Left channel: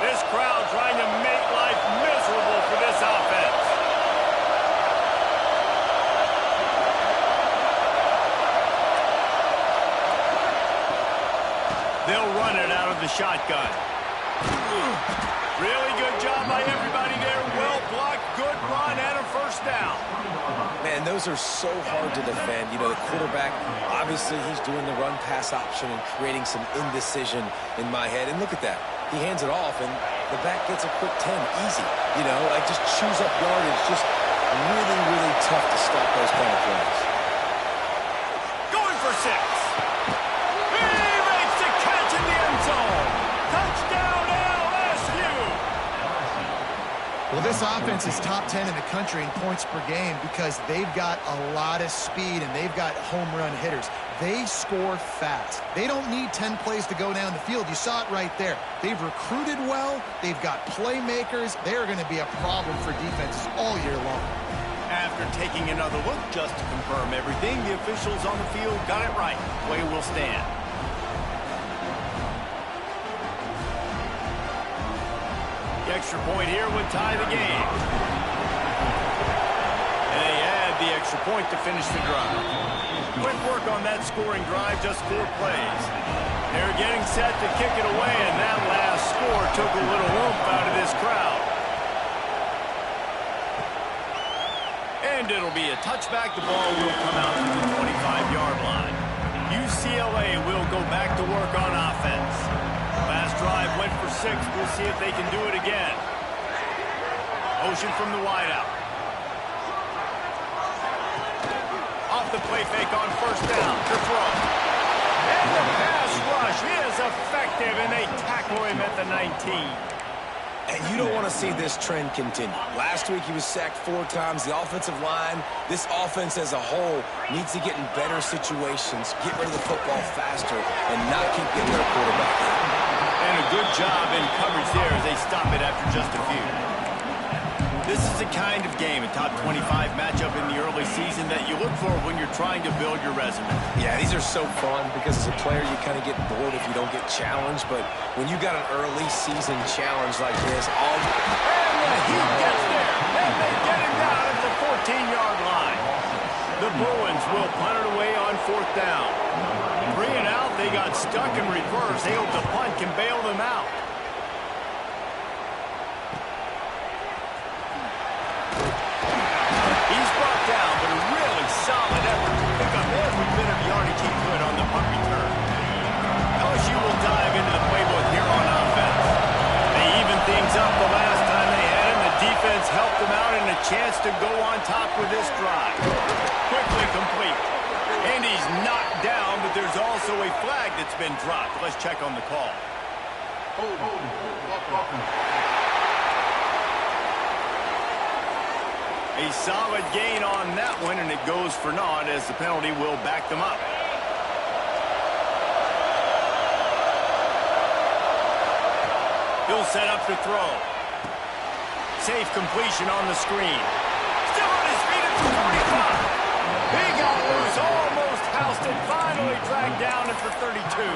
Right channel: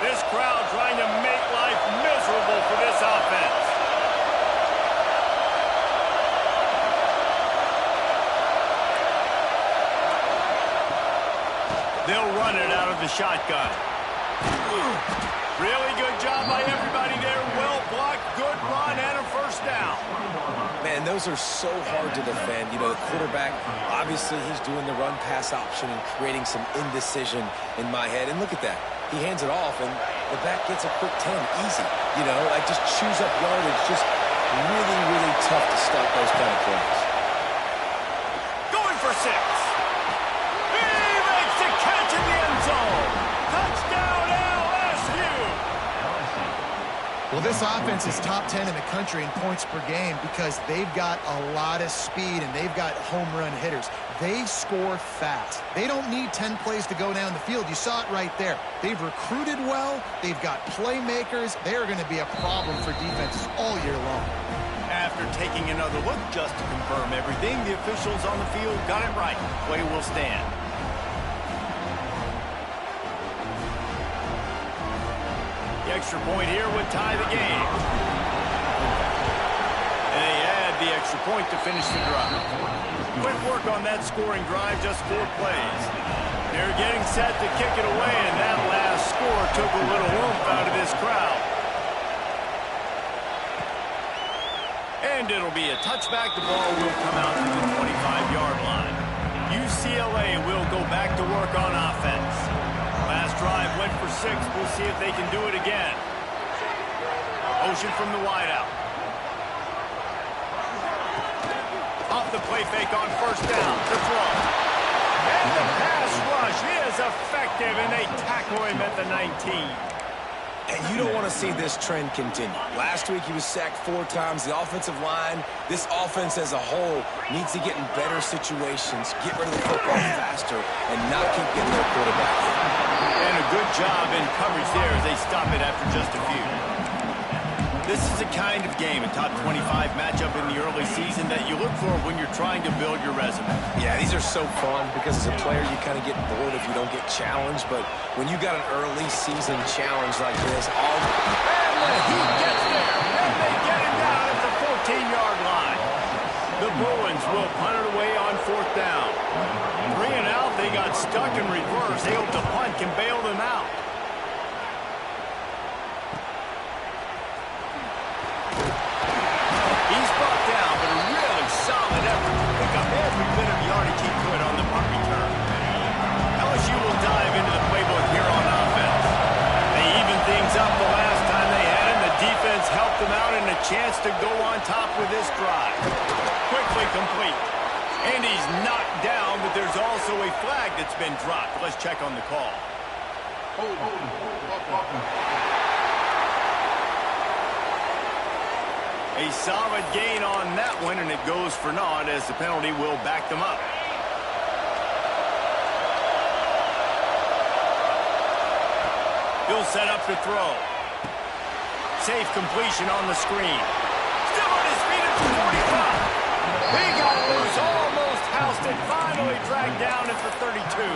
This crowd trying to make life miserable for this offense. They'll run it out of the shotgun. Really good job by everybody there. Well blocked, good run, and a first down. Man, those are so hard to defend. You know, the quarterback, obviously he's doing the run-pass option and creating some indecision in my head. And look at that. He hands it off, and the back gets a quick 10. Easy. You know, like just chews up yardage. Just really, really tough to stop those kind of plays. Going for 6. He makes the catch in the end zone. Touchdown, LSU. Well, this offense is top 10 in the country in points per game because they've got a lot of speed and they've got home run hitters. They score fast. They don't need 10 plays to go down the field. You saw it right there. They've recruited well. They've got playmakers. They're going to be a problem for defenses all year long. After taking another look just to confirm everything, the officials on the field got it right. Play will stand. The extra point here would tie the game. And they add the extra point to finish the drive. Quick work on that scoring drive, just 4 plays. They're getting set to kick it away, and that last score took a little oomph out of this crowd. And it'll be a touchback. The ball will come out to the 25-yard line. UCLA will go back to work on offense. Last drive went for 6. We'll see if they can do it again. Motion from the wideout. Off the play fake on first down to throw. And the pass rush is effective, and they tackle him at the 19. And you don't want to see this trend continue. Last week he was sacked 4 times. The offensive line, this offense as a whole, needs to get in better situations, get rid of the football faster, and not keep getting their quarterback in. And a good job in coverage there as they stop it after just a few. This is a kind of game, a top 25 matchup in the early season that you look for when you're trying to build your resume. Yeah, these are so fun because as a player you kind of get bored if you don't get challenged, but when you got an early season challenge like this, and the heat gets there, and they get him down at the 14-yard line. The Bruins will punt it away on 4th down. 3 and out, they got stuck in reverse. They hope the punt can bail them out. He's brought down, but a really solid effort to pick up every bit of yardage he could on the punt return. LSU will dive into the playbook here on offense. They evened things up the last time they had it, and the defense helped them out and a chance to go on top with this drive. Quickly complete. And he's knocked down, but there's also a flag that's been dropped. Let's check on the call. A solid gain on that one, and it goes for naught as the penalty will back them up. He'll set up to throw. Safe completion on the screen. Still on his feet at the 45. He got loose, almost housed it, finally dragged down at the 32.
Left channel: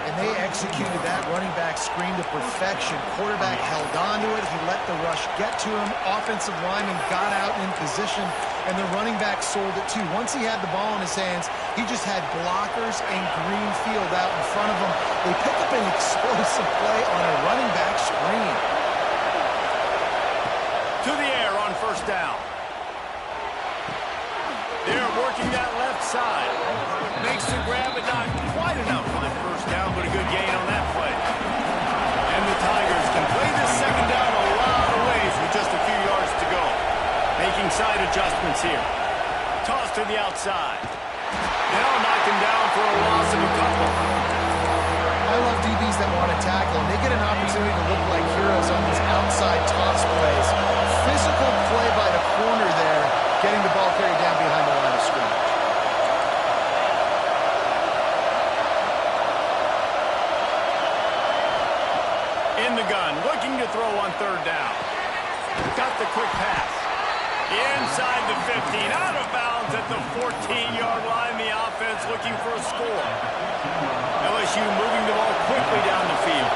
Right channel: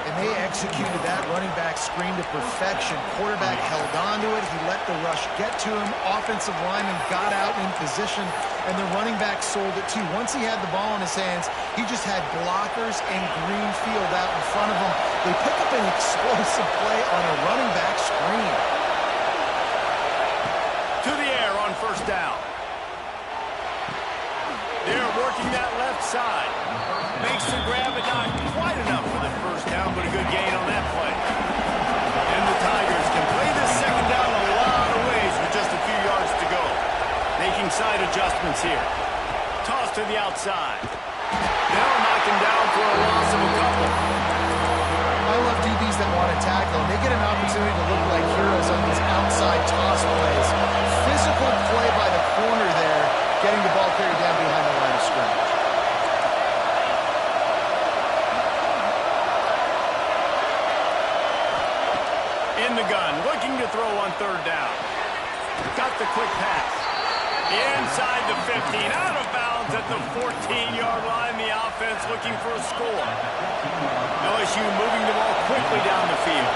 And they executed that running back screen to perfection. Quarterback held on to it. He let the rush get to him. Offensive lineman got out in position, and the running back sold it too. Once he had the ball in his hands, he just had blockers and green field out in front of him. They pick up an explosive play on a running back screen. To the air on first down. They're working that left side. Makes the grab, but not quite enough for the first down, but a good gain on that play. And the Tigers can play this second down a lot of ways with just a few yards to go. Making side adjustments here. Toss to the outside. They'll knock him down for a loss of a couple. I love DBs that want to tackle, and they get an opportunity to look like heroes on these outside toss plays. Physical play by the corner there, getting the ball carried down behind the line of scrimmage. In the gun, looking to throw on 3rd down. Got the quick pass. Inside the 15, out of bounds at the 14-yard line. The offense looking for a score. LSU moving the ball quickly down the field.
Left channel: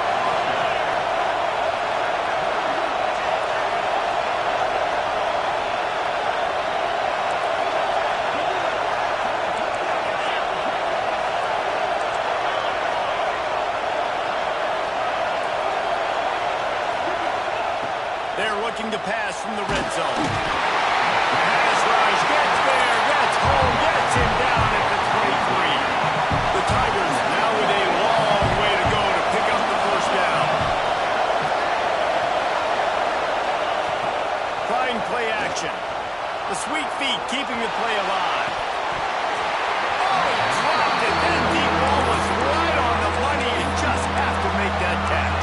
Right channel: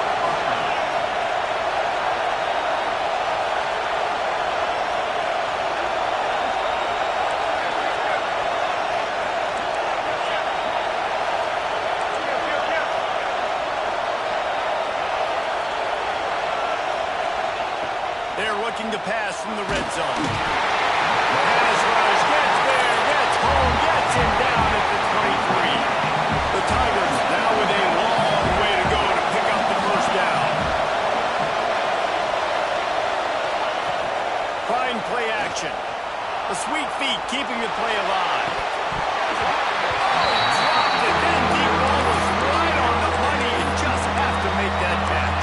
They're looking to pass from the red zone. Pass rush, gets there, gets home, gets him down at the 23. The Tigers now with a long way to go to pick up the first down. Fine play action. The sweet feet keeping the play alive. Oh, he dropped it. That deep ball was right on the money. You just have to make that catch.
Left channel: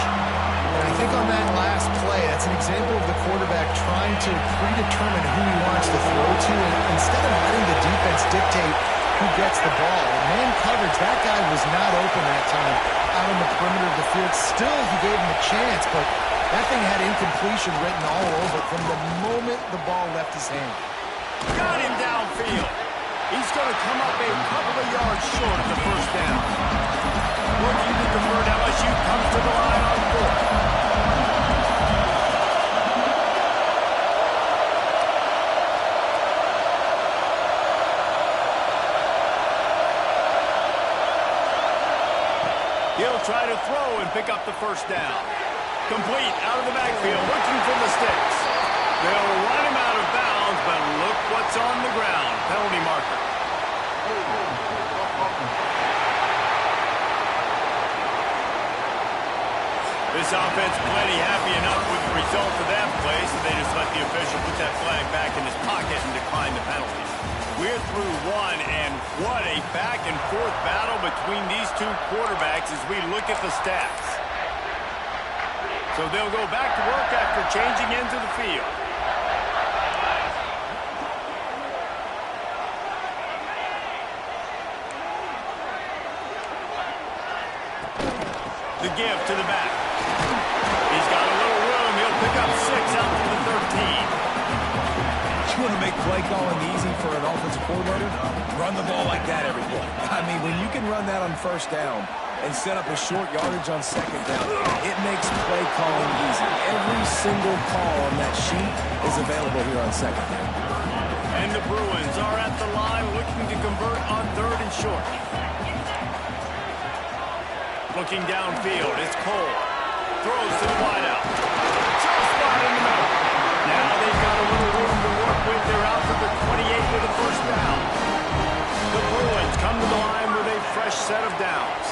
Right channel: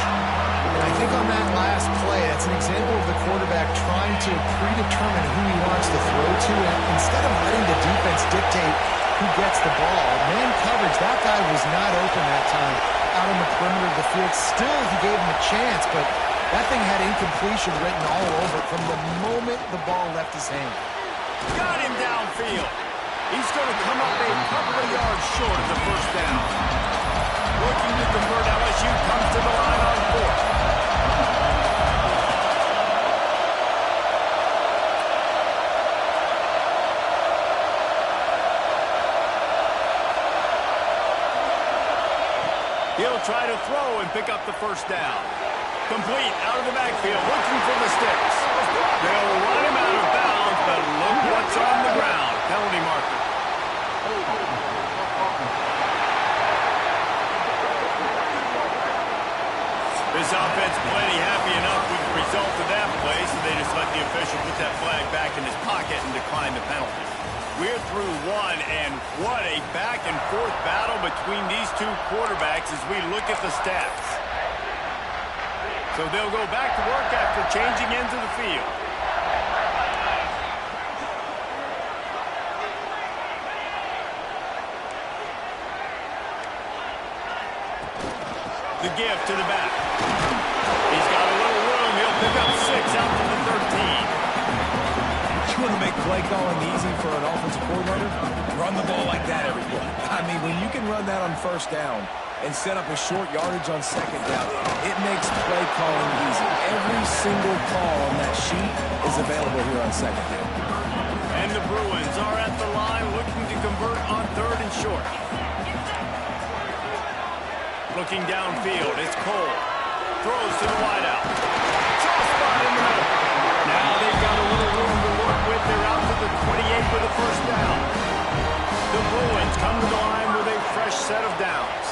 And I think on that last play, that's an example of the quarterback trying to predetermine who he wants to throw to, and instead of letting the defense dictate who gets the ball. Man coverage, that guy was not open that time out on the perimeter of the field. Still, he gave him a chance, but that thing had incompletion written all over it from the moment the ball left his hand. Got him downfield. He's going to come up a couple of yards short of the first down. Looking to convert, LSU comes to the line on fourth. He'll try to throw and pick up the first down. Complete out of the backfield, looking for the sticks. They'll run him out of bounds, but look what's on the ground. Penalty marker. This offense plenty happy enough with the result of that play, so they just let the official put that flag back in his pocket and decline the penalty. We're through one, and what a back-and-forth battle between these two quarterbacks as we look at the stats. So they'll go back to work after changing into the field. The give to the back. He's got a little room. He'll pick up 6 out to the 13. You want to make play calling easy for an offensive coordinator? Run the ball like that every play. I mean, when you can run that on first down and set up a short yardage on second down, it makes play calling easy. Every single call on that sheet is available here on second down. And the Bruins are at the line looking to convert on third and short. Looking downfield, it's Cole. Throws to the wideout. Soft spot in the middle. Now they've got a little room to work with. They're out to the 28 with a first down. The Bruins come to the line with a fresh set of downs.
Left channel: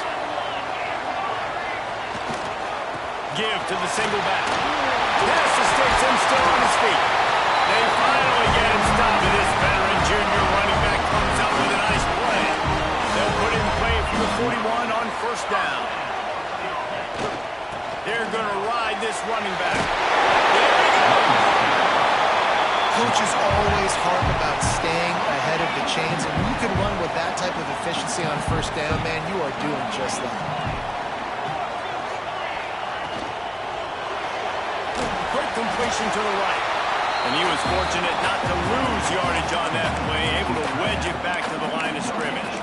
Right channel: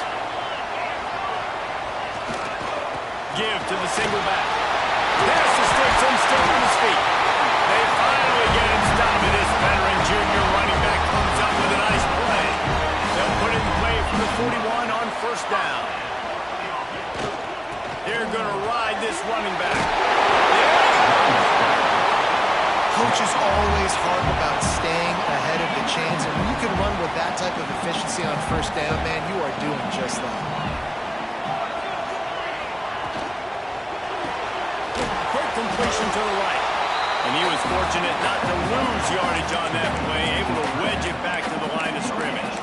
Give to the single back. Pass the sticks and still on his feet. They finally get him stopped. And this veteran junior running back comes up with a nice play. They'll put it in play from the 41 on first down. They're going to ride this running back. There he goes. Coaches always harp about staying ahead of the chains, and when you can run with that type of efficiency on first down, man, you are doing just that. Quick completion to the right. And he was fortunate not to lose yardage on that play, able to wedge it back to the line of scrimmage.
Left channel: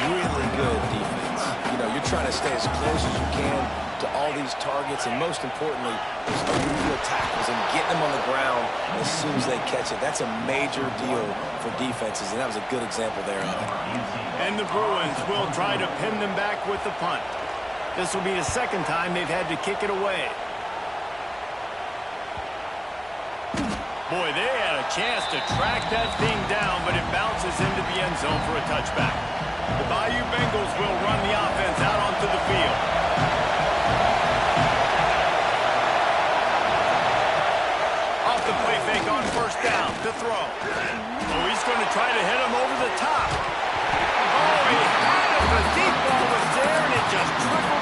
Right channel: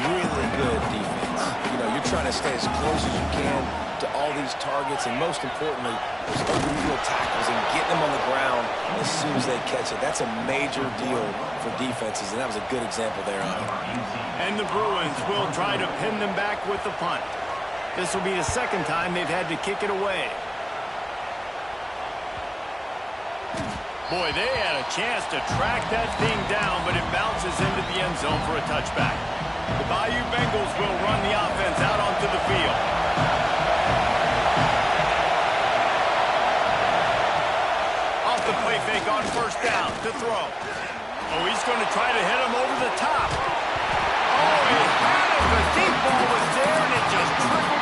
Really good defense. You know, you're trying to stay as close as you can to all these targets, and most importantly, those open field tackles and getting them on the ground as soon as they catch it. That's a major deal for defenses, and that was a good example there of it. And the Bruins will try to pin them back with the punt. This will be the second time they've had to kick it away. Boy, they had a chance to track that thing down, but it bounces into the end zone for a touchback. The Bayou Bengals will run the offense out onto the field. Off the play fake on first down to throw. Oh, he's going to try to hit him over the top. Oh, he had it. The deep ball was there, and it just trickled.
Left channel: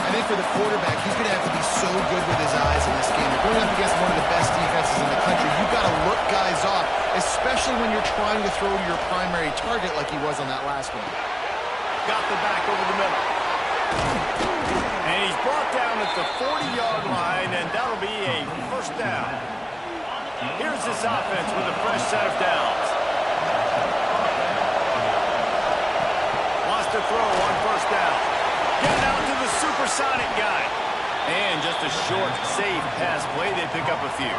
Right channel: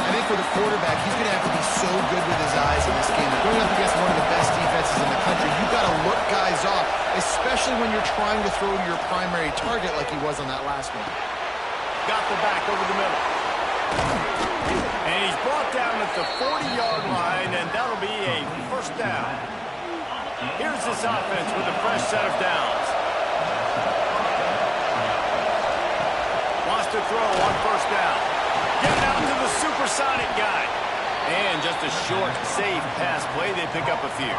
I think for the quarterback, he's going to have to be so good with his eyes in this game. They're going up against one of the best defenses in the country. You've got to look guys off, especially when you're trying to throw to your primary target like he was on that last one. Got the back over the middle. And he's brought down at the 40-yard line, and that'll be a first down. Here's this offense with a fresh set of downs. Wants to throw on first down. Get it out to the supersonic guy. And just a short, safe pass play. They pick up a few.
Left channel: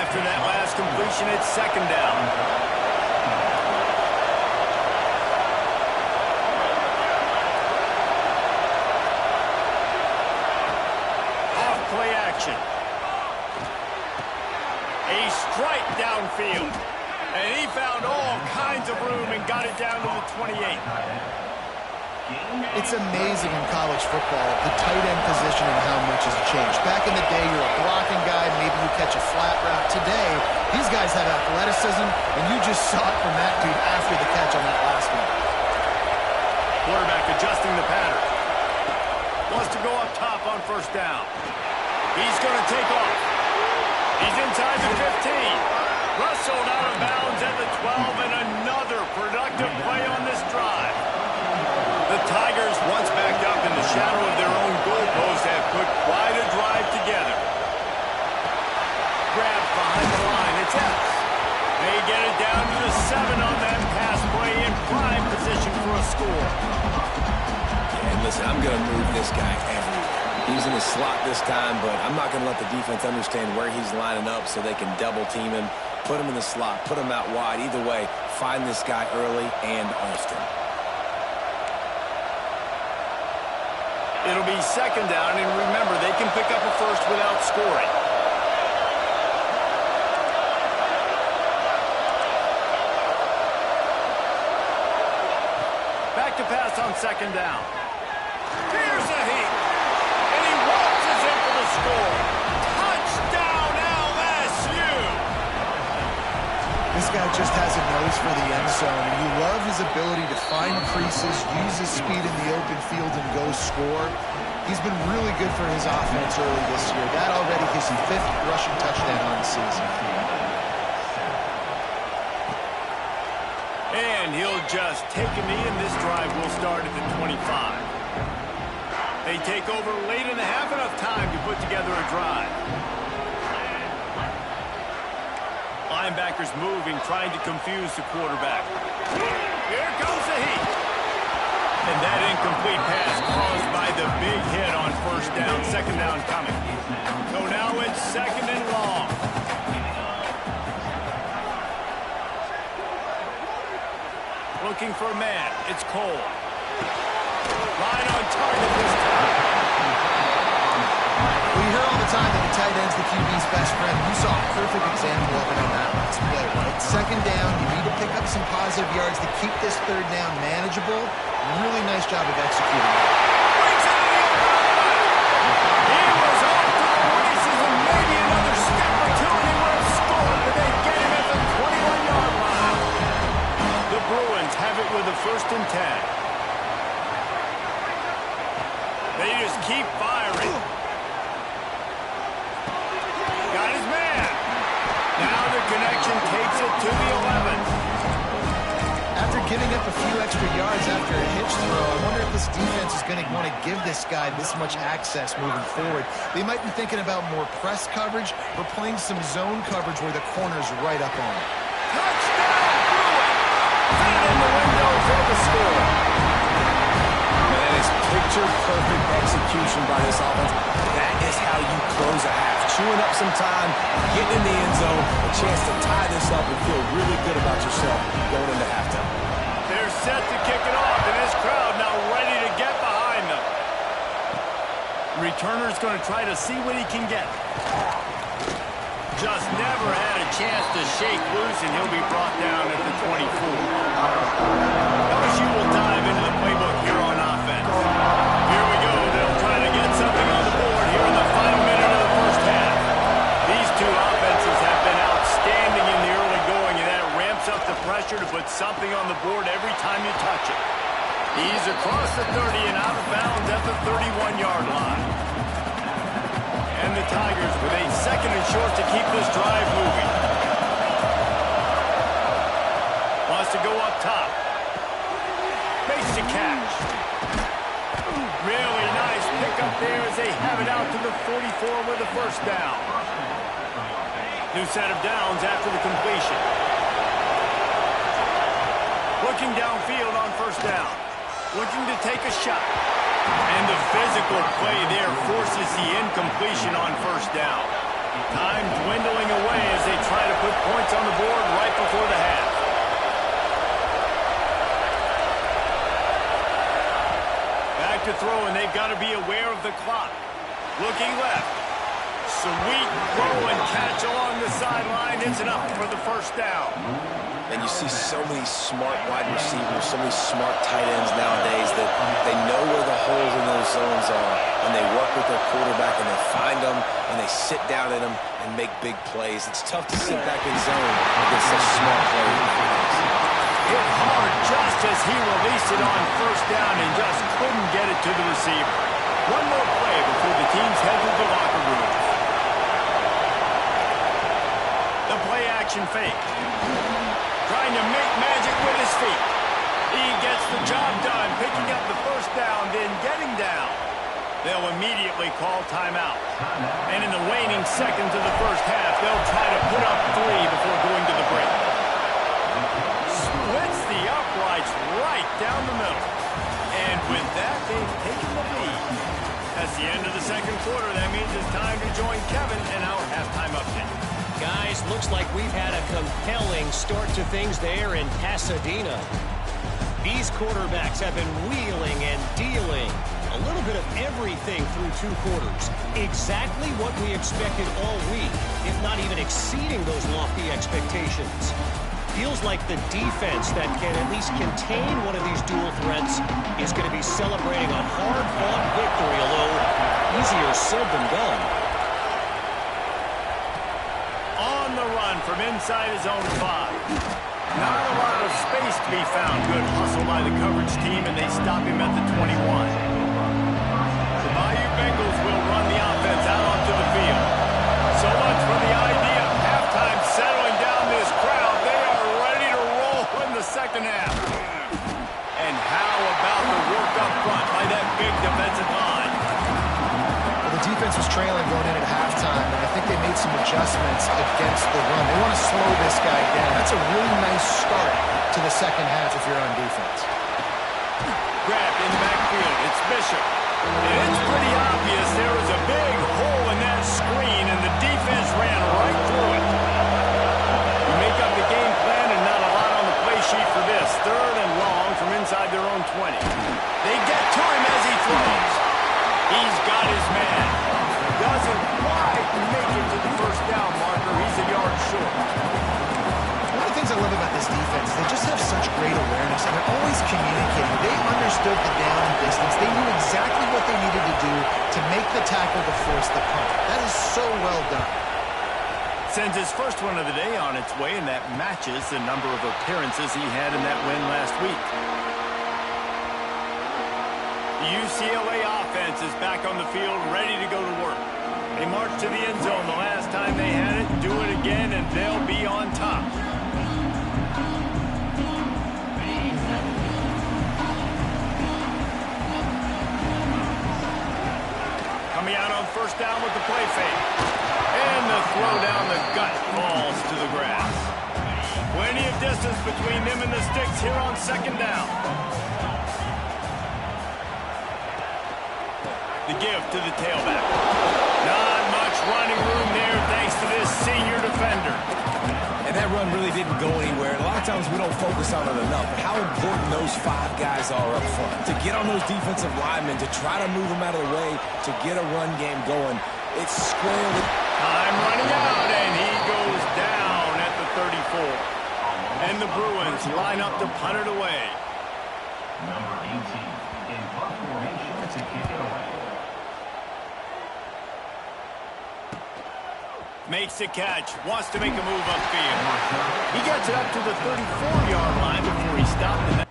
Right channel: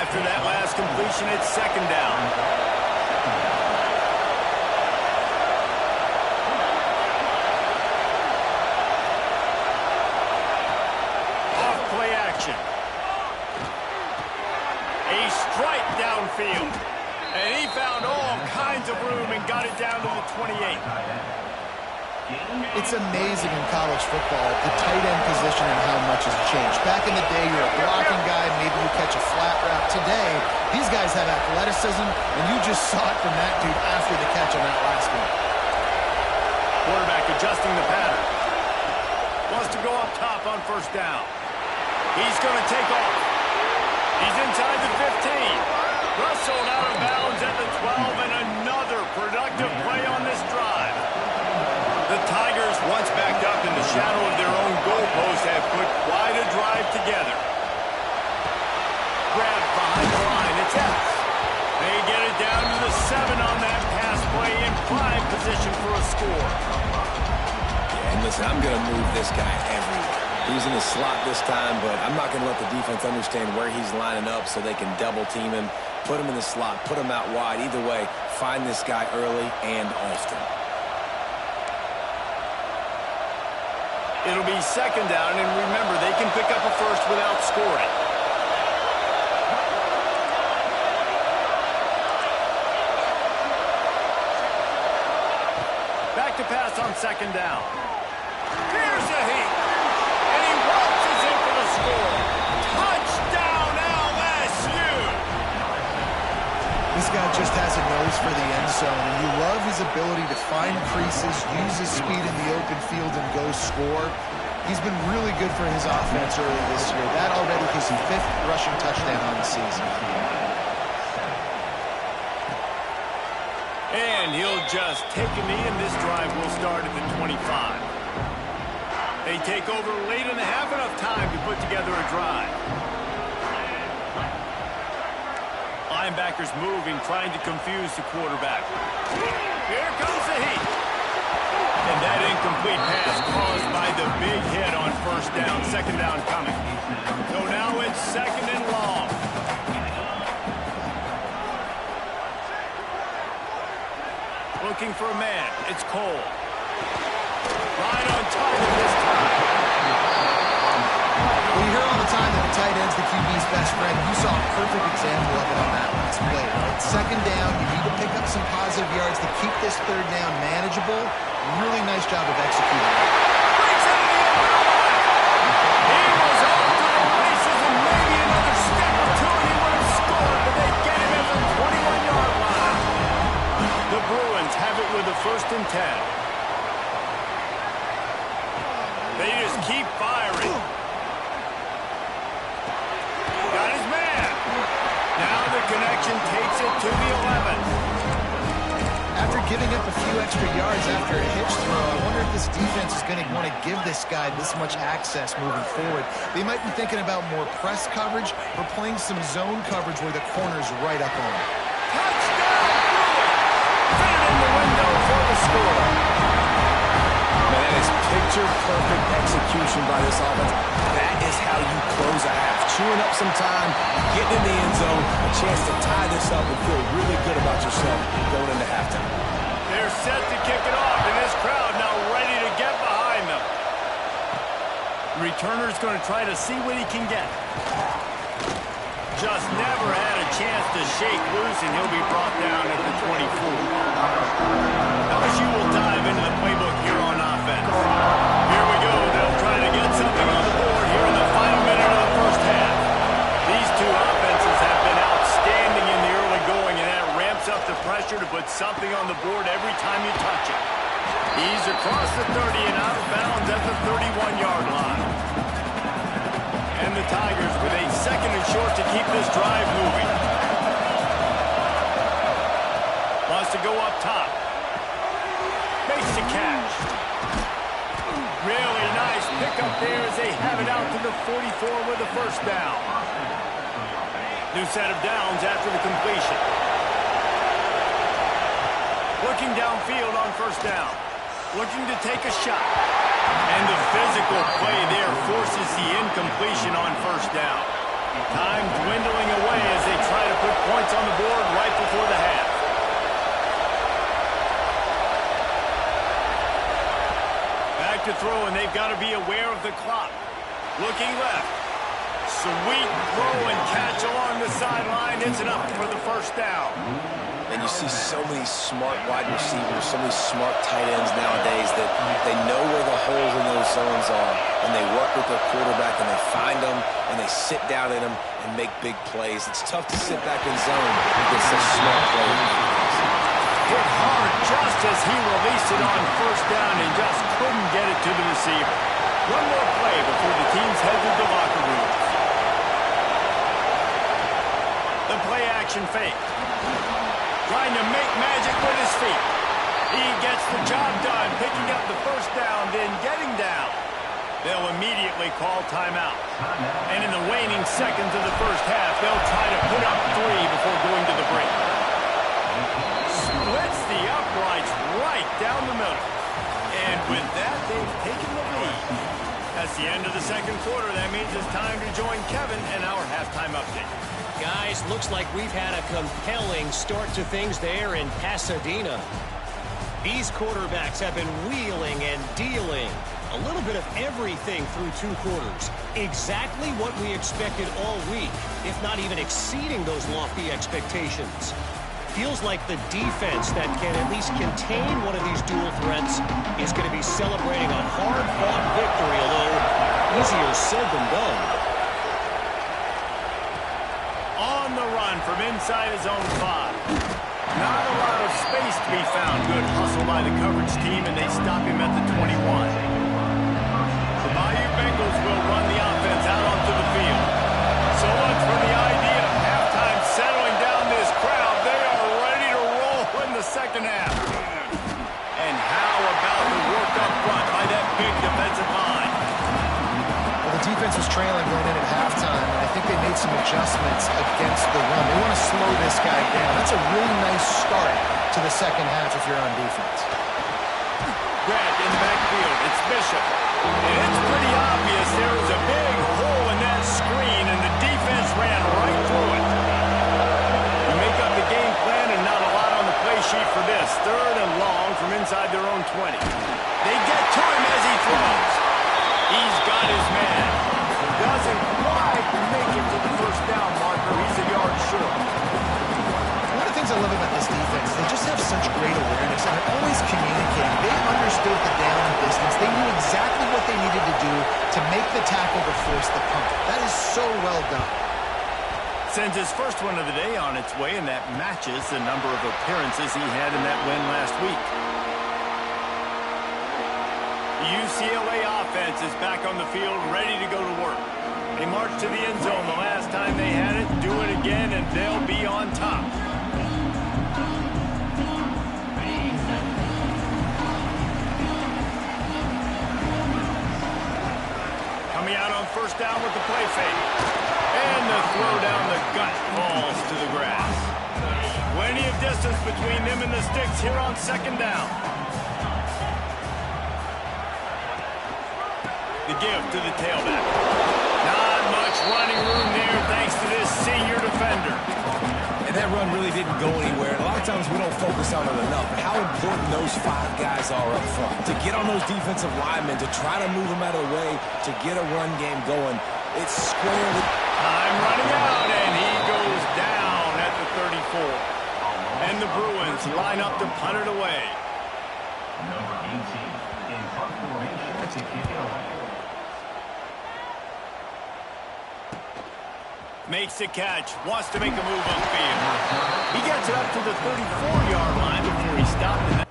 After that last completion, it's second down. Off-play action. A strike downfield. And he found all kinds of room and got it down to the 28. It's amazing in college football, the tight end position and how much has changed. Back in the day, you're a blocking guy, maybe you catch a flat route. Today, these guys have athleticism, and you just saw it from that dude after the catch on that last one. Quarterback adjusting the pattern. Wants to go up top on first down. He's going to take off. He's inside the 15. Rustled out of bounds at the 12, and another productive play on this drive. The Tigers, once backed up in the shadow of their own goalpost, have put quite a drive together. Grabbed behind the line, it's Epps. They get it down to the 7 on that pass play in prime position for a score. Yeah, and listen, I'm going to move this guy everywhere. He's in the slot this time, but I'm not going to let the defense understand where he's lining up so they can double team him, put him in the slot, put him out wide. Either way, find this guy early and often. It'll be second down, and remember, they can pick up a first without scoring. Back to pass on second down. Here's a heat. And he waltzes in for the score. Touchdown, LSU! This guy just has a nose for the end zone, and you love his ability to find creases, use his speed in the open field, and go score. He's been really good for his offense early this year. That already his 5th rushing touchdown on the season. And he'll just take a knee, and this drive will start at the 25. They take over late in the half, enough time to put together a drive. Linebackers moving, trying to confuse the quarterback. Here comes the heat. And that incomplete pass caused by the big hit on first down. Second down coming. So now it's second and long. Looking for a man. It's Cole. Right on target this time. Well, you hear all the time that the tight end's the QB's best friend. You saw a perfect example of it on that last play, right? Second down, you need to pick up some positive yards to keep this third down manageable. Really nice job of executing it. Breaks into the open on the left. He was off to the races, and maybe another step or two, and he would have scored, but they get him at the 21-yard line. The Bruins have it with a 1st and 10. They just keep firing. Got his man. Now the connection takes it to the 11. After giving up a few extra yards after a hitch throw, I wonder if this defense is going to want to give this guy this much access moving forward. They might be thinking about more press coverage or playing some zone coverage where the corner's right up on it. Touchdown, Bruins! Fit it in the window for the score. Man, that is picture-perfect execution by this offense. That is how you close a half. Chewing up some time, getting in the end zone, a chance to tie this up and feel really good about yourself going into halftime. They're set to kick it off, and this crowd now ready to get behind them. Returner's going to try to see what he can get. Just never had a chance to shake loose, and he'll be brought down at the 24. LSU will dive into the playbook here on offense. Here we go. They'll try to get something on the board here in the final minute of the first half. These two offenses have been outstanding in the early going, and that ramps up the pressure to put something on the board every time you touch it. He's across the 30 and out of bounds at the 31-yard line. And the Tigers with a 2nd and short to keep this drive moving. Wants to go up top. Makes the catch. Really nice pickup there as they have it out to the 44 with a 1st down. New set of downs after the completion. Looking downfield on 1st down. Looking to take a shot. And the physical play there forces the incompletion on 1st down. Time dwindling away as they try to put points on the board right before the half. Back to throw, and they've got to be aware of the clock. Looking left. Sweet throw and catch along the sideline. It's enough for the first down. And you see so many smart wide receivers, so many smart tight ends nowadays that they know where the holes in those zones are, and they work with their quarterback, and they find them, and they sit down in them and make big plays. It's tough to sit back in zone against such smart players. Hit hard just as he released it on first down and just couldn't get it to the receiver. One more play before the teams head to the locker rooms. The play-action fake. Trying to make magic with his feet. He gets the job done, picking up the first down, then getting down. They'll immediately call timeout. And in the waning seconds of the first half, they'll try to put up 3 before going to the break. Splits the uprights right down the middle. And with that, they've taken the lead. That's the end of the second quarter. That means it's time to join Kevin in our halftime update. Guys, looks like we've had a compelling start to things there in Pasadena. These quarterbacks have been wheeling and dealing. A little bit of everything through 2 quarters. Exactly what we expected all week, if not even exceeding those lofty expectations. Feels like the defense that can at least contain one of these dual threats is going to be celebrating a hard-fought victory, although easier said than done. On the run from inside his own 5. Not a lot of space to be found. Good hustle by the coverage team, and they stop him at the 21. The Bayou Bengals will run the offense out onto the field. So much for the idea of halftime settling down this crowd. They are ready to roll in the second half. And how about the work up front by that big defensive line? The defense was trailing going in at halftime, and I think they made some adjustments against the run. They want to slow this guy down. That's a really nice start to the second half if you're on defense. Grabbed in the backfield. It's Bishop. And it's pretty obvious there was a big hole in that screen, and the defense ran right through it. You make up the game plan, and not a lot on the play sheet for this. 3rd and long from inside their own 20. They get to him as he throws. He's got his man. Doesn't quite make it to the first down marker. He's a yard short. One of the things I love about this defense is they just have such great awareness, and they're always communicating. They understood the down and distance. They knew exactly what they needed to do to make the tackle to force the punt. That is so well done. Sends his first one of the day on its way, and that matches the number of appearances he had in that win last week. The UCLA offense is back on the field, ready to go to work. They marched to the end zone the last time they had it, do it again, and they'll be on top. Coming out on first down with the play fake. And the throw down the gut falls to the grass. Plenty of distance between them and the sticks here on second down. The give to the tailback. Not much running room there thanks to this senior defender. And that run really didn't go anywhere. And a lot of times we don't focus on it enough, but how important those 5 guys are up front. To get on those defensive linemen, to try to move them out of the way, to get a run game going. It's squarely... Time running out, and he goes down at the 34. And the Bruins line up to punt it away. Number 18 in punt formation to kick it away. Makes the catch, wants to make a move upfield. He gets it up to the 34-yard line before he stopped it.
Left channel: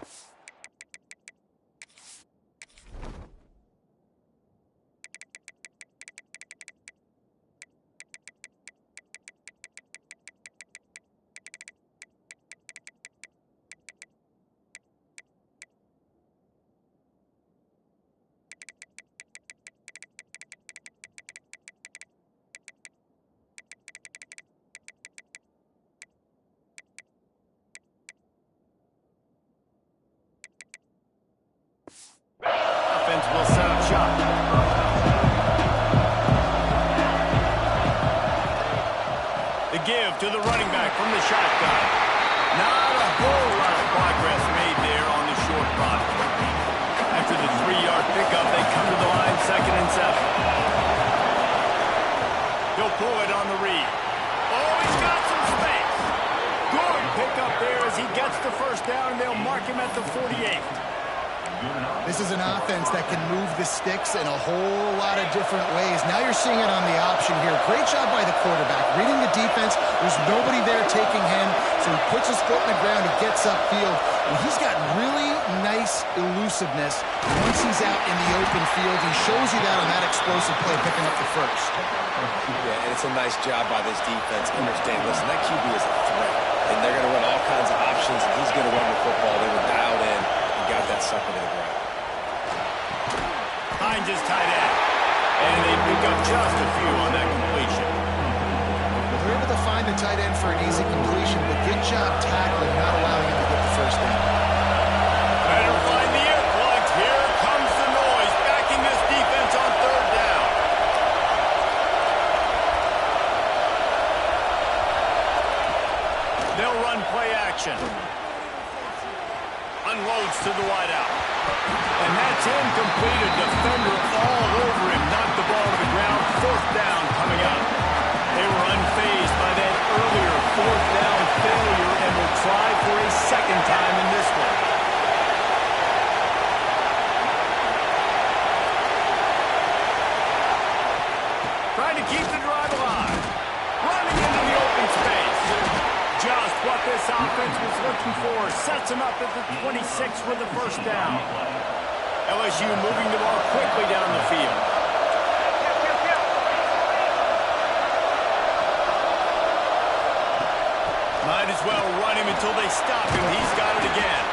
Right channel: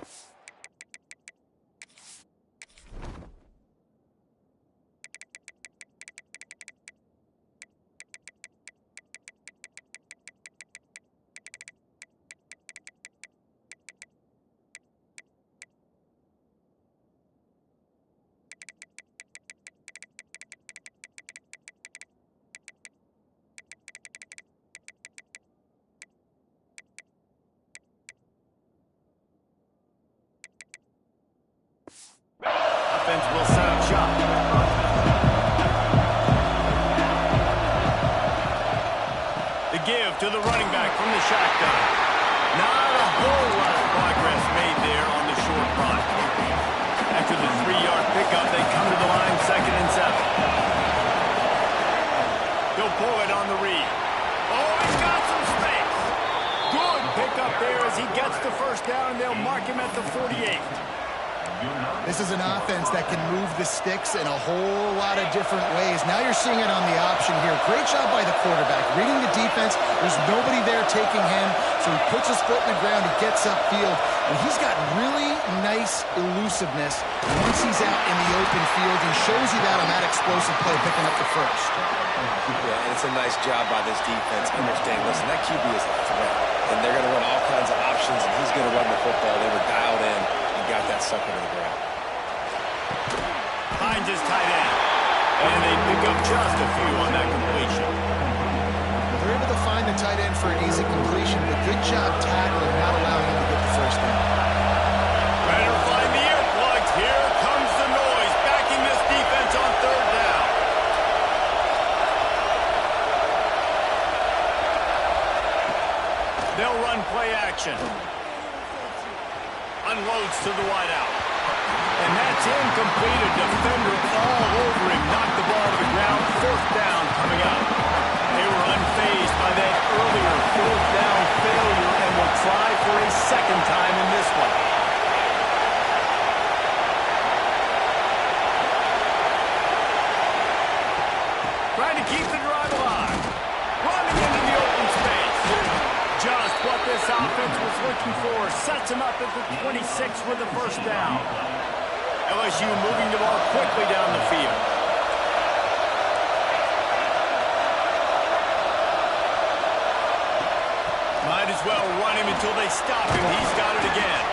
Offense will set up shop. The give to the running back from the shotgun. Not a whole lot of progress made there on the short run. After the 3-yard pickup, they come to the line 2nd and 7. He'll pull it on the read. Oh, he's got some space. Good pickup there as he gets the first down, and they'll mark him at the 48. This is an offense that can move the sticks in a whole lot of different ways. Now you're seeing it on the option here. Great job by the quarterback. Reading the defense, there's nobody there taking him, so he puts his foot in the ground, he gets upfield, and he's got really nice elusiveness once he's out in the open field. He shows you that on that explosive play, picking up the first. Yeah, and it's a nice job by this defense. Understand, listen, that QB is a threat, and they're going to run all kinds of options, and he's going to run the football. They were dialed in. Got that sucker to the ground. Finds his tight end. And they pick up just a few on that completion. They're able to find the tight end for an easy completion, but good job tackling, not allowing him to get the first down. Better find the earplugs. Here comes the noise, backing this defense on 3rd down. They'll run play action. Unloads to the wideout. And that's incomplete. A defender all over him. Knocked the ball to the ground. 4th down coming up. They were unfazed by that earlier 4th down failure and will try for a 2nd time in this one. Trying to keep the drive alive. Running into the open space. Just what this offense was looking for. Sets him up at the 26 with the first down. LSU moving the ball quickly down the field. Might as well run him until they stop him. He's got it again.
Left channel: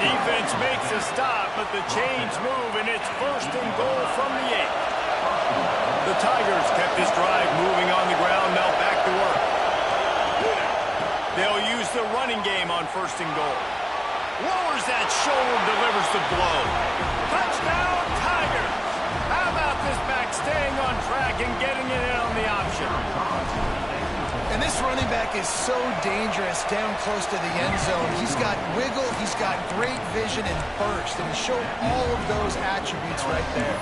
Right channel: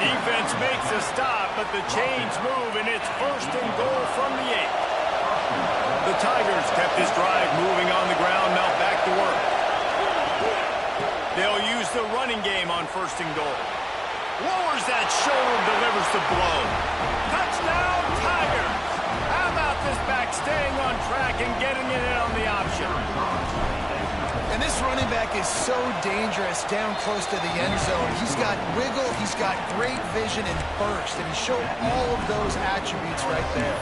Defense makes a stop, but the chains move, and it's 1st and goal from the 8. The Tigers kept this drive moving on the ground. Now back to work. They'll use the running game on 1st and goal. Lowers that shoulder, delivers the blow. Touchdown, Tigers! How about this back staying on track and getting it in on the option? And this running back is so dangerous down close to the end zone. He's got wiggle, he's got great vision and burst, and he showed all of those attributes right there.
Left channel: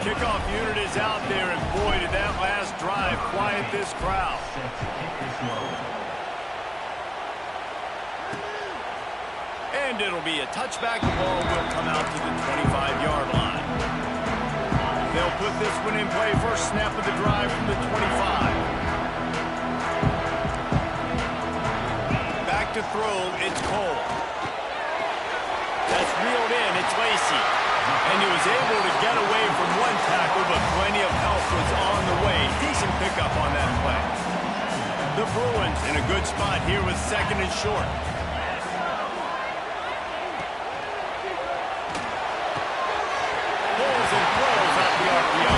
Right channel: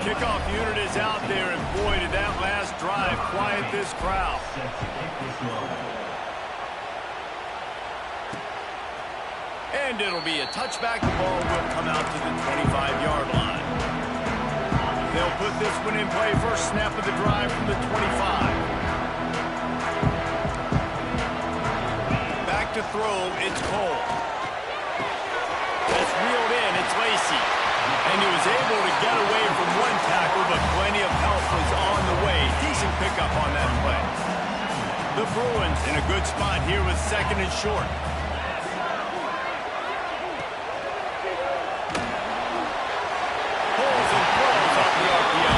Kickoff unit is out there, and boy, did that last drive quiet this crowd. And it'll be a touchback. The ball will come out to the 25-yard line. They'll put this one in play. First snap of the drive from the 25. Back to throw, it's Cole. That's reeled in, it's Lacey. And he was able to get away from one tackle, but plenty of help was on the way. Decent pickup on that play. The Bruins in a good spot here with 2nd and short. Pulls and throws off the RPO.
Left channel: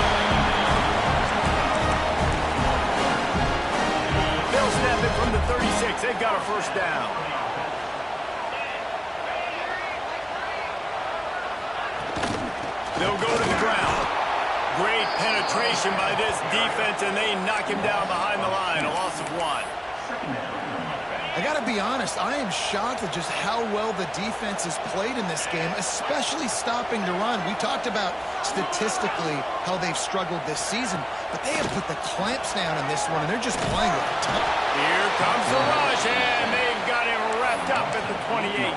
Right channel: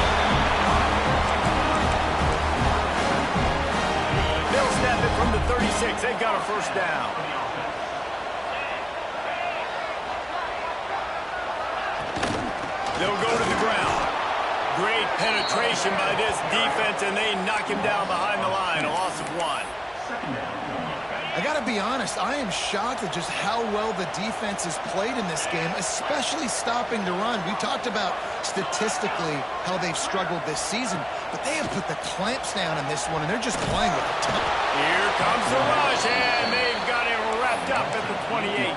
They'll snap it from the 36. They've got a first down. They'll go to the ground. Great penetration by this defense, and they knock him down behind the line. A loss of 1. I got to be honest, I am shocked at just how well the defense has played in this game, especially stopping the run. We talked about statistically how they've struggled this season, but they have put the clamps down in this one, and they're just playing with a ton. Here comes the rush, and they've got him wrapped up at the 28.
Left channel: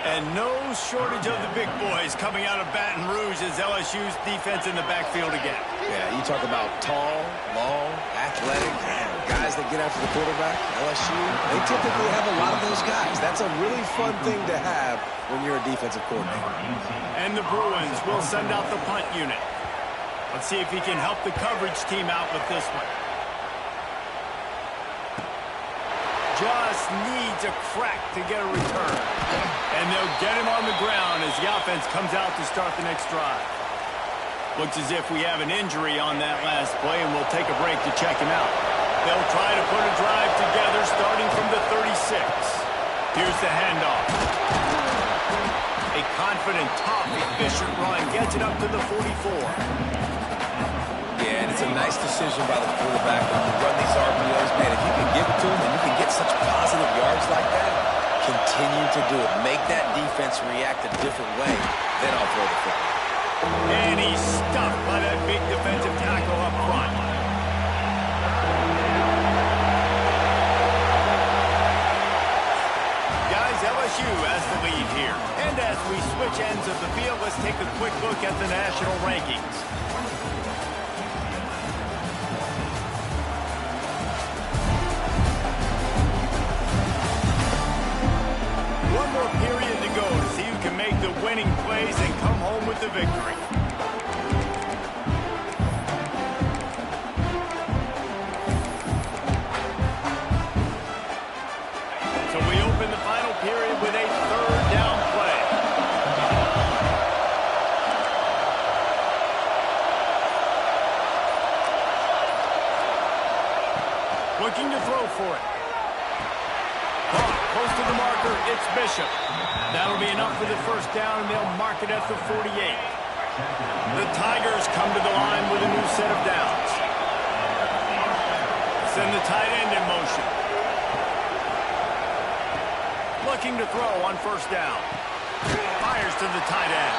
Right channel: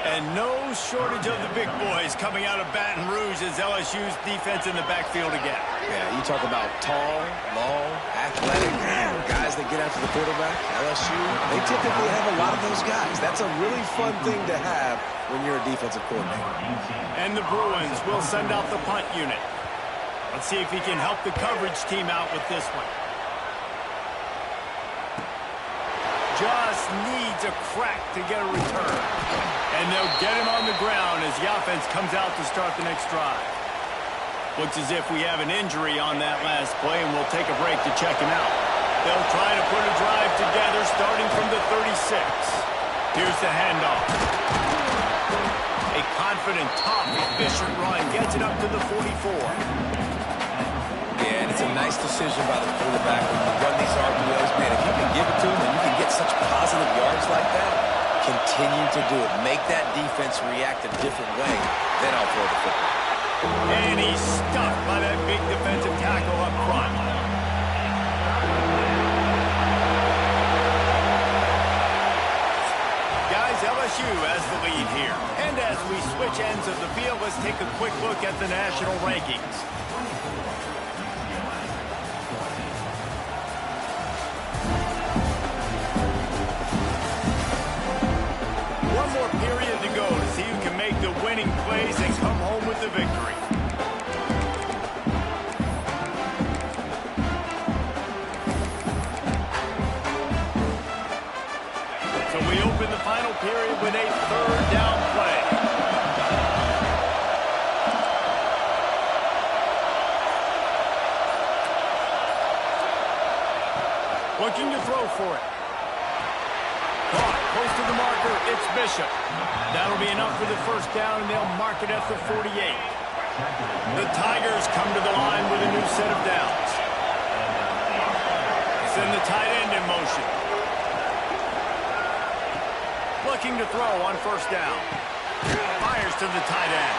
And no shortage of the big boys coming out of Baton Rouge as LSU's defense in the backfield again. Yeah, you talk about tall, long, athletic, guys that get after the quarterback. LSU, they typically have a lot of those guys. That's a really fun thing to have when you're a defensive coordinator. And the Bruins will send out the punt unit. Let's see if he can help the coverage team out with this one. Just needs a crack to get a return. And they'll get him on the ground as the offense comes out to start the next drive. Looks as if we have an injury on that last play, and we'll take a break to check him out. They'll try to put a drive together starting from the 36. Here's the handoff. A confident, tough, efficient run gets it up to the 44. Yeah, and That's a nice decision by the quarterback when you run these RPOs. Man, if you can give it to him and you can get such positive yards like that, continue to do it. Make that defense react a different way. Then I'll throw the football. And he's stuffed by that big defensive tackle up front. Guys, LSU has the lead here. And as we switch ends of the field, let's take a quick look at the national rankings. One more period to go to see who can make the winning plays and come home with the victory. So we open the final period with a third down play. Looking to throw for it. Caught close to the marker. It's Bishop. That'll be enough for the first down, and they'll mark it at the 48. The Tigers come to the line with a new set of downs. Send the tight end in motion. Looking to throw on first down. Fires to the tight end.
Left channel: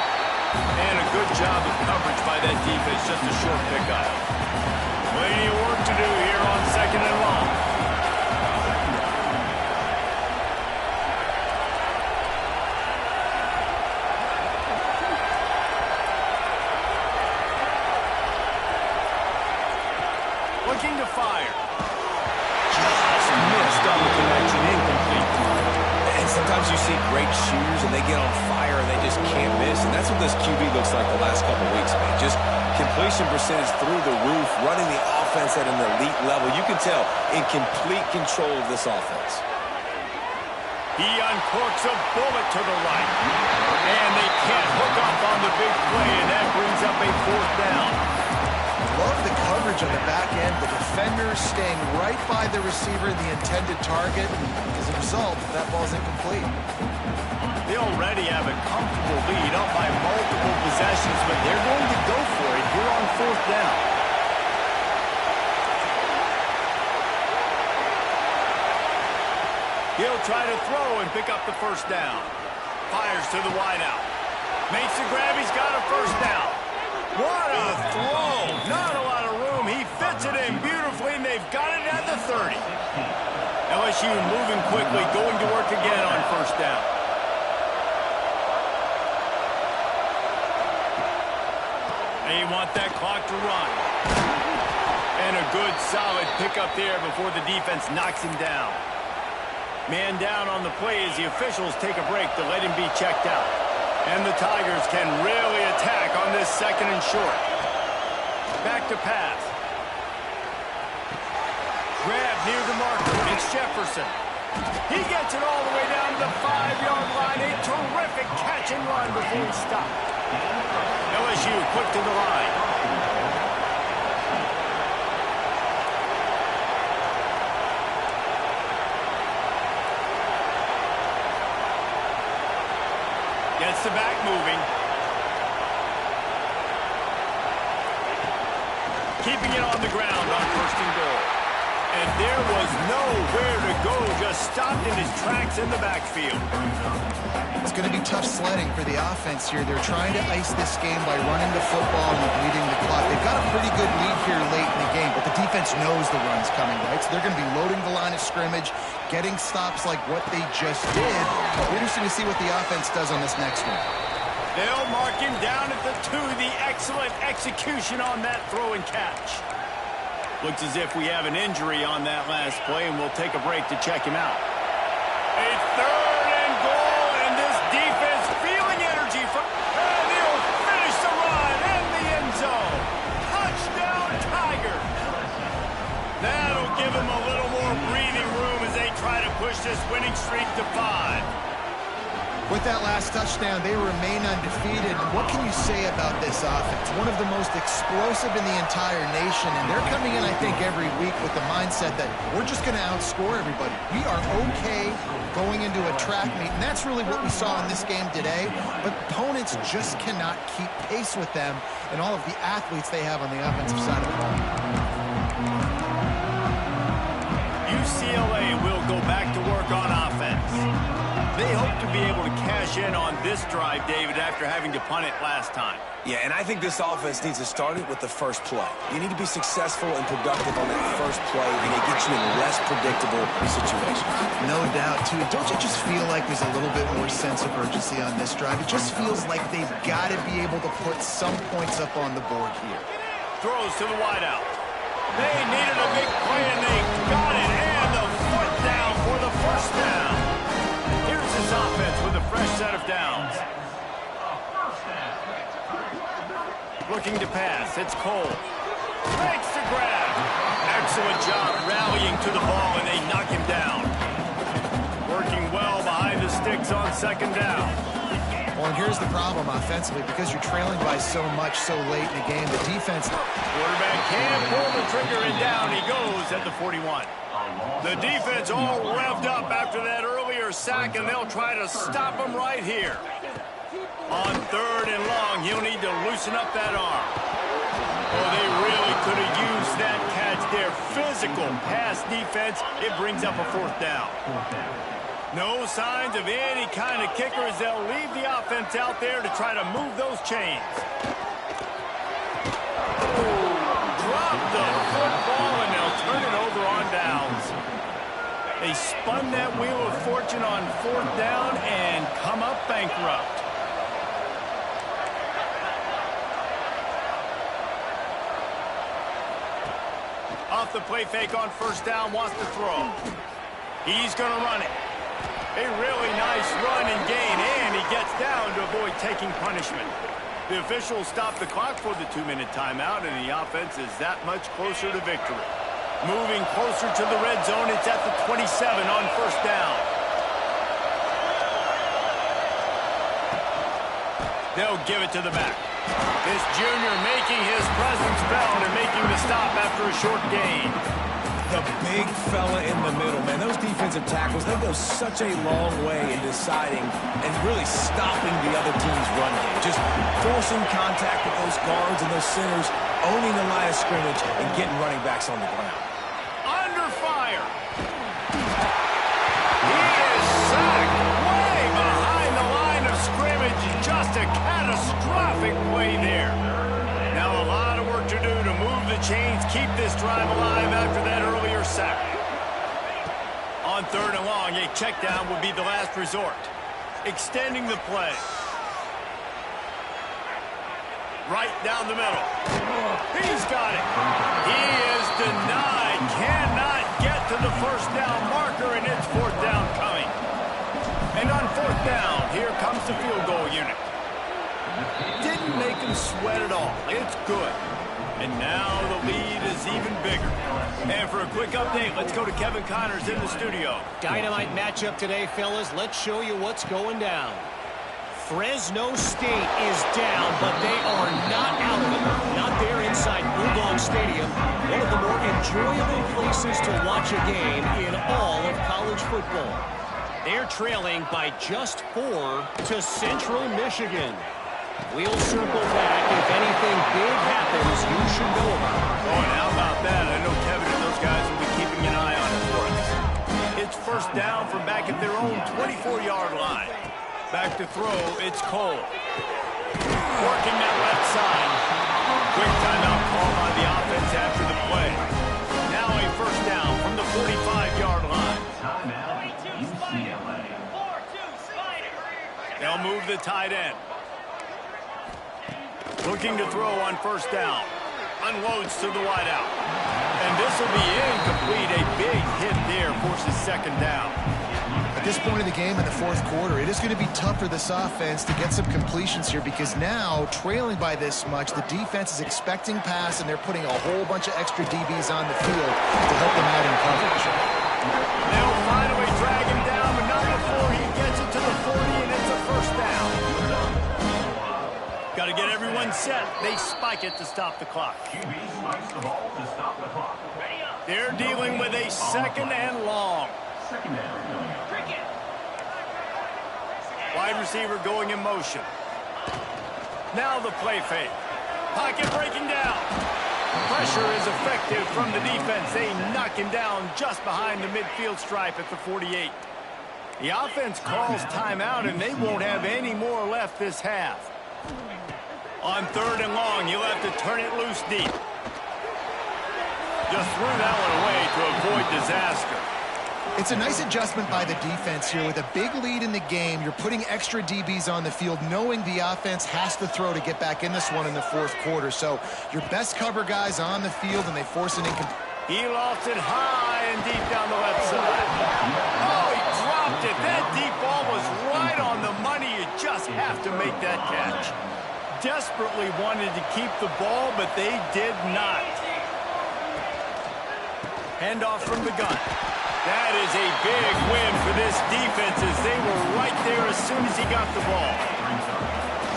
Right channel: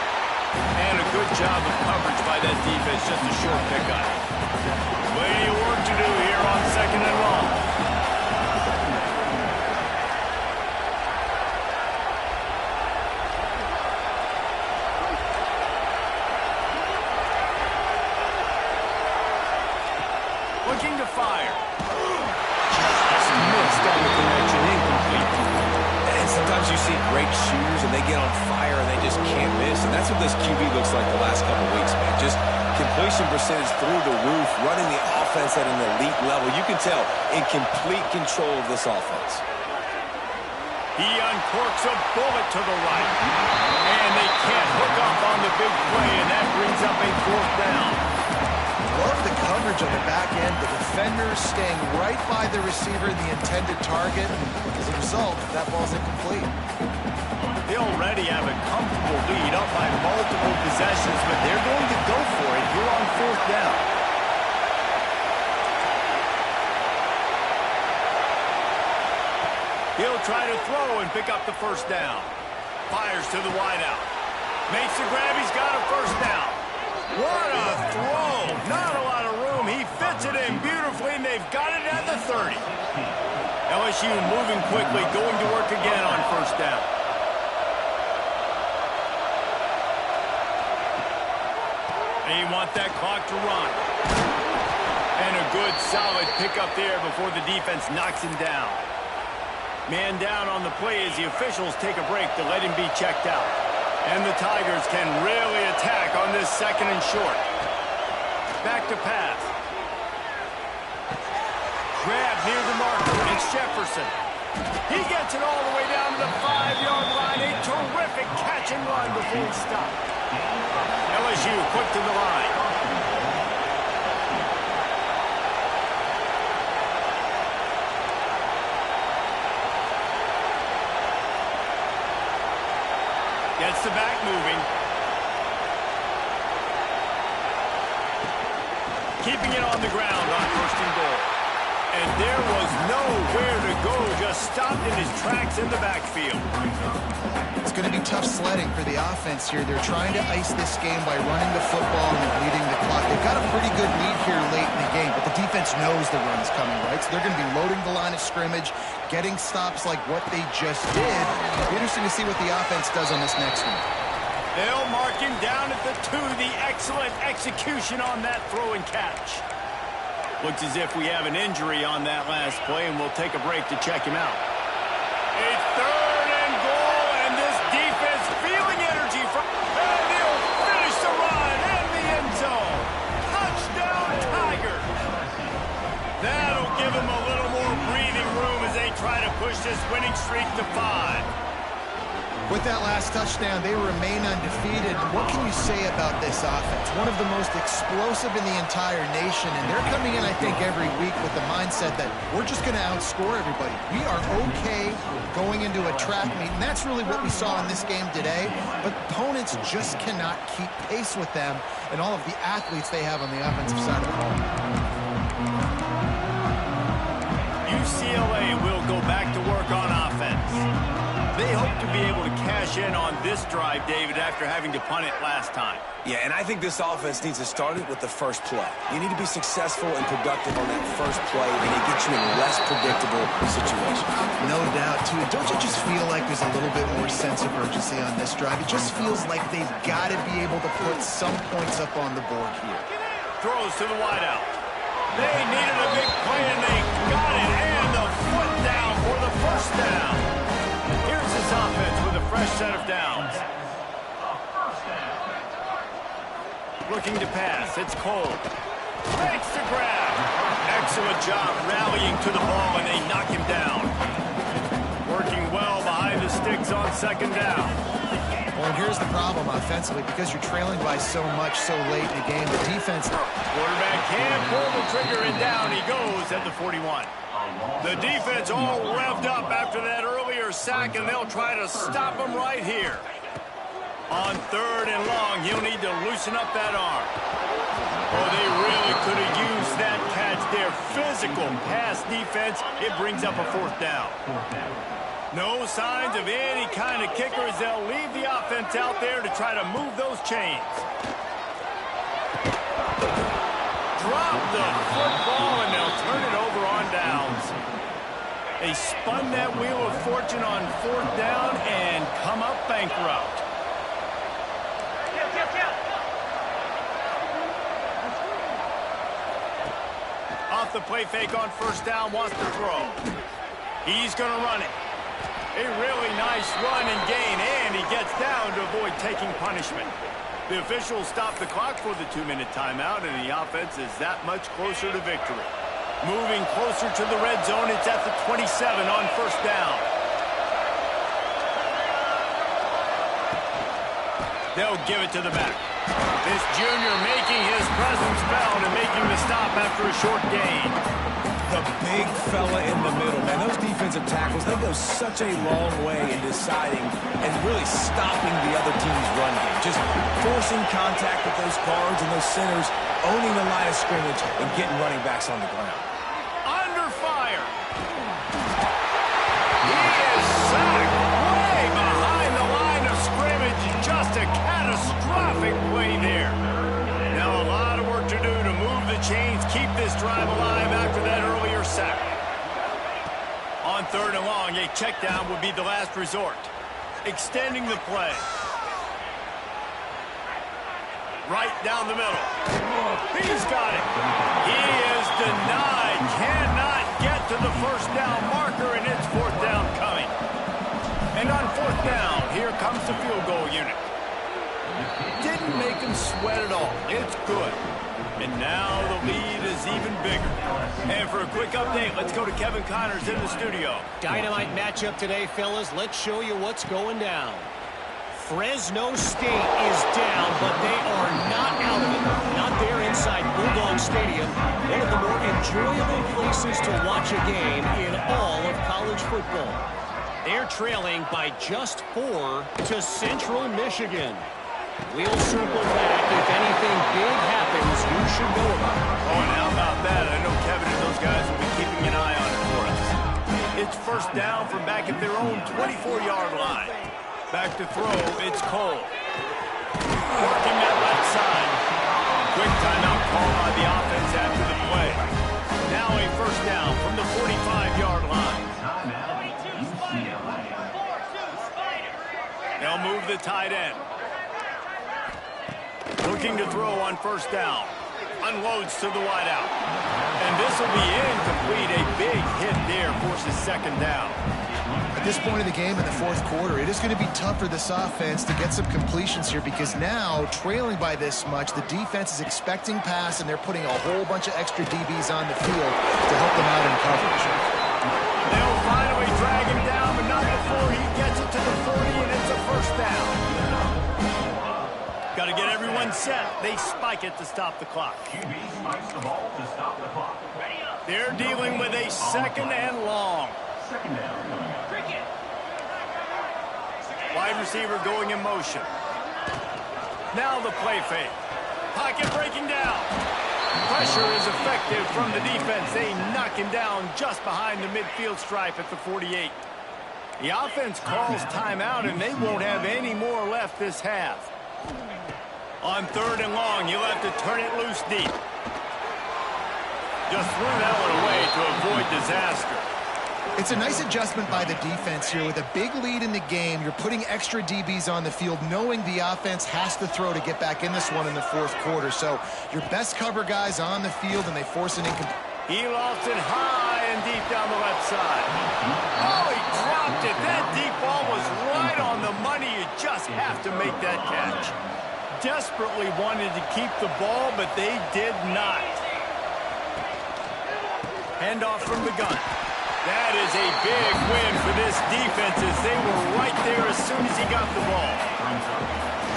And a good job of coverage by that defense. Just a short pickup. Plenty of work to do here on second and long. Looking to fire. Just missed on the connection. Incomplete. And sometimes you see great shooters and they get on fire and they just can't miss. And that's what this QB looks like the last couple weeks, man. Just completion percentage through the roof, running the offense at an elite level. You can tell in complete control of this offense. He uncorks a bullet to the right. And they can't hook up on the big play, and that brings up a fourth down. Love the coverage on the back end. The defenders staying right by the receiver, the intended target. And as a result, that ball's incomplete. They already have a comfortable lead up by multiple possessions, but they're going to go for it here on fourth down. He'll try to throw and pick up the first down. Fires to the wideout. Makes the grab. He's got a first down. What a throw. Not a lot of room. He fits it in beautifully, and they've got it at the 30. LSU moving quickly, going to work again on first down. They want that clock to run. And a good, solid pickup there before the defense knocks him down. Man down on the play as the officials take a break to let him be checked out. And the Tigers can really attack on this second and short. Back to pass. Grab near the marker. It's Jefferson. He gets it all the way down to the 5-yard line. A terrific catch and run before he stopped. LSU quick to the line. Gets the back moving. Keeping it on the ground on first and goal. And there was nowhere to go. Just stopped in his tracks in the backfield. It's going to be tough sledding for the offense here. They're trying to ice this game by running the football and bleeding the clock. They've got a pretty good lead here late in the game, but the defense knows the run's coming, right? So they're going to be loading the line of scrimmage, getting stops like what they just did. It'll be interesting to see what the offense does on this next one. They'll mark him down at the 2. The excellent execution on that throw and catch. Looks as if we have an injury on that last play, and we'll take a break to check him out. A third and goal, and this defense feeling energy from... And he'll finish the run in the end zone. Touchdown, Tigers. That'll give him a little more breathing room as they try to push this winning streak to 5. With that last touchdown, they remain undefeated. What can you say about this offense? One of the most explosive in the entire nation, and they're coming in, I think, every week with the mindset that we're just going to outscore everybody. We are okay going into a track meet, and that's really what we saw in this game today, but opponents just cannot keep pace with them and all of the athletes they have on the offensive side of the ball. UCLA will go back to work on offense. They hope to be able to cash in on this drive, David, after having to punt it last time. Yeah, and I think this offense needs to start it with the first play. You need to be successful and productive on that first play, and it gets you in less predictable situations. No doubt, too. Don't you just feel like there's a little bit more sense of urgency on this drive? It just feels like they've got to be able to put some points up on the board here. Throws to the wideout. They needed a big play, and they got it, and the foot down for the first down. Here's this offense with a fresh set of downs. Looking to pass. It's Cole. Makes the grab. Excellent job rallying to the ball, and they knock him down. Working well behind the sticks on second down. Well, and here's the problem offensively. Because you're trailing by so much so late in the game, the defense... Quarterback can't pull the trigger, and down he goes at the 41. The defense all revved up after that earlier sack, and they'll try to stop him right here. On third and long, he'll need to loosen up that arm. Oh, they really could have used that catch there. Physical pass defense. It brings up a fourth down. No signs of any kind of kickers. They'll leave the offense out there to try to move those chains. Drop the football, and they'll turn it over on downs. They spun that wheel of fortune on fourth down and come up bankrupt. Off the play fake on first down, wants to throw. He's going to run it. A really nice run and gain, and he gets down to avoid taking punishment. The officials stop the clock for the 2-minute timeout, and the offense is that much closer to victory. Moving closer to the red zone, it's at the 27 on first down. They'll give it to the back. This junior making his presence felt and making the stop after a short gain. The big fella in the middle, man. Those defensive tackles, they go such a long way in deciding and really stopping the other team's run game. Just forcing contact with those guards and those centers, owning the line of scrimmage, and getting running backs on the ground. Under fire. He is sacked way behind the line of scrimmage. Just a catastrophic play there. Now a lot of work to do to move the chains, keep this drive alive after that earlier sack. On third and long, a check down would be the last resort. Extending the play. Right down the middle. He's got it. He is denied. Cannot get to the first down marker, and it's fourth down coming. And on fourth down, here comes the field goal unit. Didn't make him sweat at all. It's good. And now the lead is even bigger. And for a quick update, let's go to Kevin Connors in the studio. Dynamite matchup today, fellas. Let's show you what's going down. Fresno State is down, but they are not out of it. Not there inside Bulldog Stadium, one of the more enjoyable places to watch a game in all of college football. They're trailing by just 4 to Central Michigan. We'll circle back. If anything big happens, you should know about it. Oh, and how about that? I know Kevin and those guys will be keeping an eye on it for us. It's first down from back at their own 24-yard line. Back to throw, it's Cole. Working that left side. Quick timeout call by the offense after the play. Now a first down from the 45-yard line. Timeout, UCLA. They'll move the tight end. Looking to throw on first down. Unloads to the wideout. And this will be incomplete. A big hit there forces second down. At this point of the game in the fourth quarter, it is going to be tough for this offense to get some completions here because now, trailing by this much, the defense is expecting pass, and they're putting a whole bunch of extra DBs on the field to help them out in coverage. They'll finally drag him down, but not before he gets it to the 40, and it's a first down. Got to get everyone set. They spike it to stop the clock. QB spikes the ball to stop the clock. They're dealing with a second and long. Second down coming up. Wide receiver going in motion. Now the play fake. Pocket breaking down. Pressure is effective from the defense. They knock him down just behind the midfield stripe at the 48. The offense calls timeout, and they won't have any more left this half. On third and long, you'll have to turn it loose deep. Just threw that one away to avoid disaster. It's a nice adjustment by the defense here. With a big lead in the game, you're putting extra DBs on the field, knowing the offense has to throw to get back in this one in the fourth quarter. So your best cover guys on the field, and they force an incomplete. He lofts it high and deep down the left side. Oh, he dropped it. That deep ball was right on the money. You just have to make that catch. Desperately wanted to keep the ball, but they did not. Handoff from the gun. That is a big win for this defense, as they were right there as soon as he got the ball.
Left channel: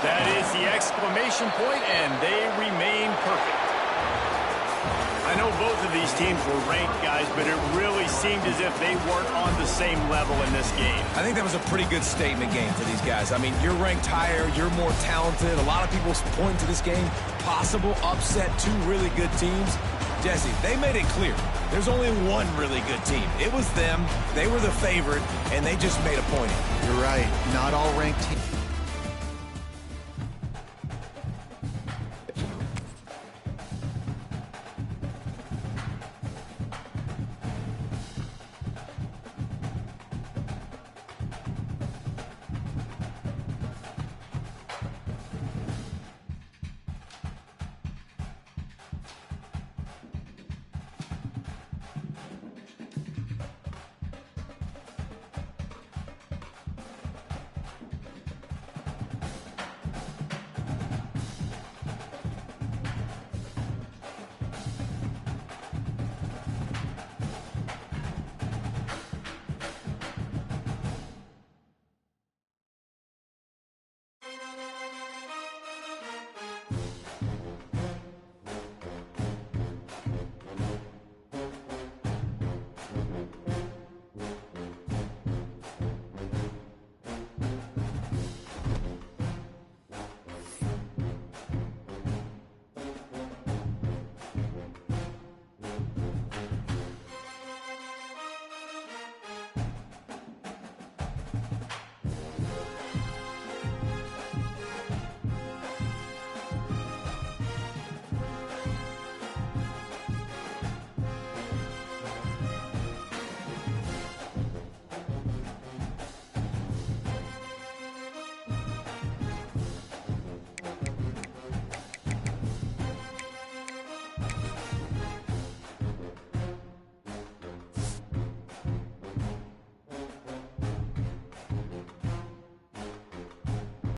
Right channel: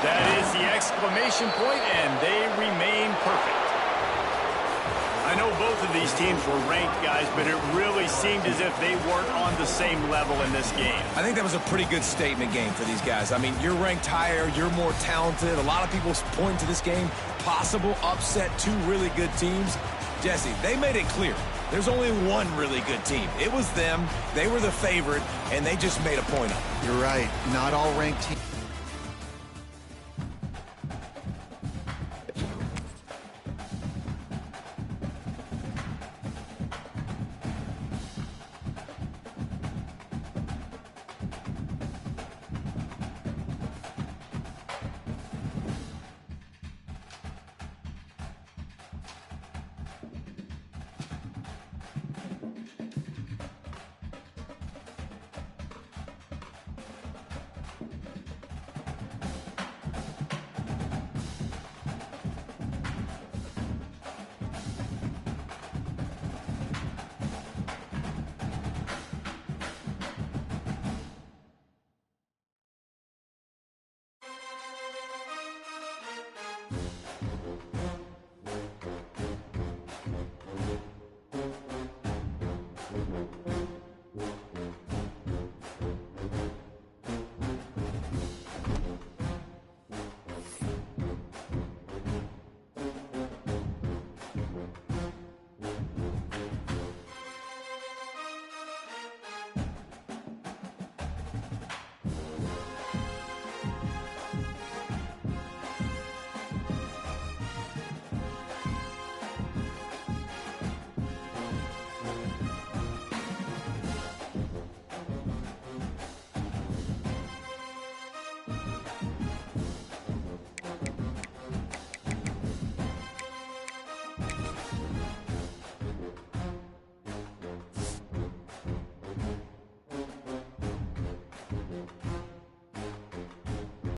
That is the exclamation point, and they remain perfect. I know both of these teams were ranked, guys, but it really seemed as if they weren't on the same level in this game. I think that was a pretty good statement game for these guys. I mean, you're ranked higher, you're more talented. A lot of people point to this game, possible upset, two really good teams. Jesse, they made it clear. There's only one really good team. It was them. They were the favorite, and they just made a point of it. You're right. Not all ranked teams.